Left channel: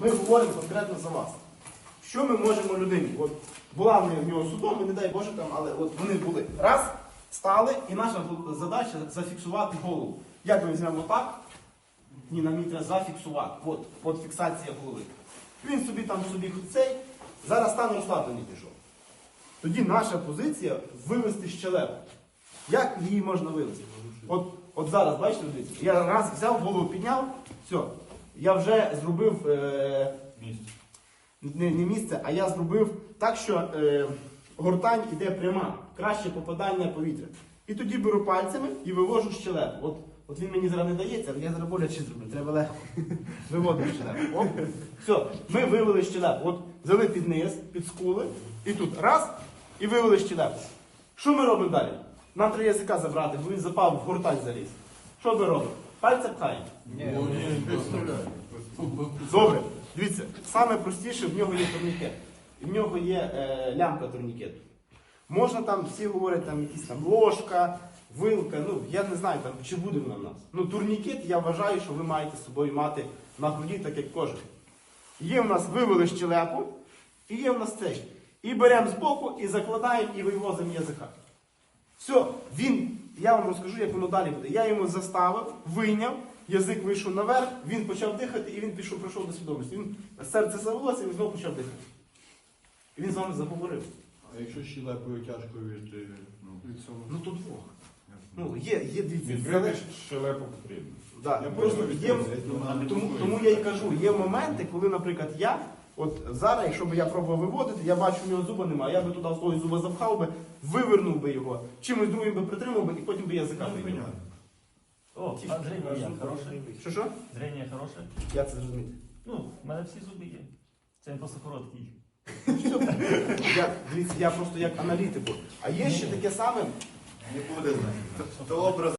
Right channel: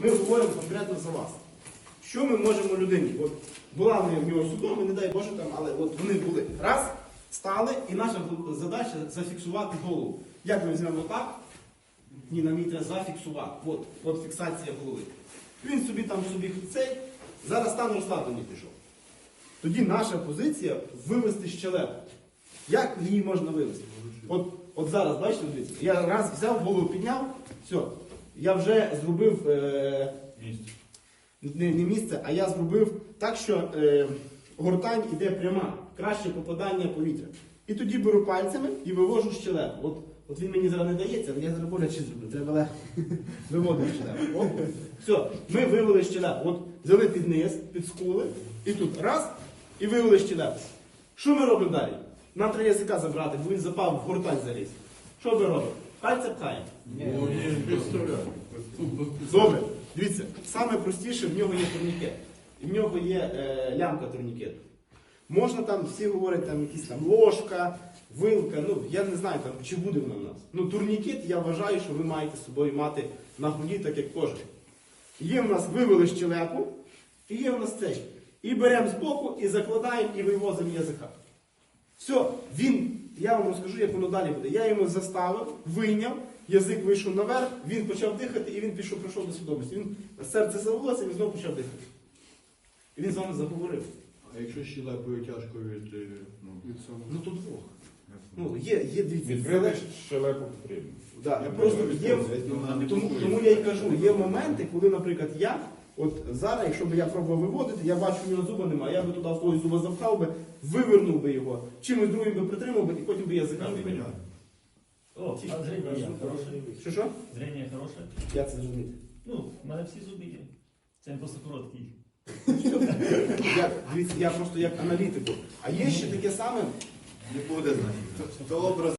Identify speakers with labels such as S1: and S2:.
S1: ми говоримо конкретно за вас. Що ми можемо людині? От була в нього судом, не дай Боже там, але от вони були. Раз, стали, і наша задача зафіксувати голову. Як ми візьмемо так? Ні, нам її треба зафіксувати. От, от фіксація голови. Він собі там собі цей, зараз стан розслаблення пішов. Тоді наша позиція вивести щелепу. Як її можна вивести? От, от зараз, бачите, дивіться, я раз взяв, голову підняв, все, я вже зробив е, не, не місце, а я зробив так, що е, гортань іде пряма, краще попадання повітря. І тоді беру пальцями і вивожу щелепу. От, от він мені зараз не дається, але я зараз боляче зроблю. Треба легко виводити щелепу. Оп. Все, ми вивели щелепу. От взяли під низ, під скули, і тут раз, і вивели щелепу. Що ми робимо далі? Нам треба язика забрати, бо він запав в гортань заліз. Що ми робимо? Пальця пхаємо. Добре, дивіться, саме простіше в нього є турнікет. І в нього є е, лямка турнікету. Можна там, всі говорять, там якісь там ложка, вилка, ну я не знаю, там, чи буде вона в нас. Ну, турнікет я вважаю, що ви маєте з собою мати на груді, так як кожен. Є в нас вивели щелепу, і є в нас цей. І беремо збоку, і закладаємо, і вивозимо язика. Все, він, я вам розкажу, як воно далі буде. Я йому заставив, вийняв, язик вийшов наверх, він почав дихати, і він пішов, прийшов до свідомості. Він серце завелося, він знову почав дихати. І він з вами заговорив.
S2: А якщо щелепою тяжко від, е, ну, від цього?
S1: Ну тут двох. Ну, є, є дивіться.
S3: Відбити щелепу потрібно.
S1: Да,
S2: Я
S1: просто є, тому, тому я і кажу, є моменти, коли, наприклад, я, от зараз, якщо б я пробував виводити, я бачу, у нього зуба немає, я би туди в той зуба запхав би, вивернув би його, чимось другим би притримав би, і потім би язика вийняв.
S4: О, а зрение хороше.
S1: Що що?
S4: Зрение хороше.
S1: Як це зрозуміти?
S4: Ну, в мене всі зуби є. Це не просто короткий.
S1: Я, дивіться, я просто як аналітику. А є ще таке саме,
S2: Не буде. Образ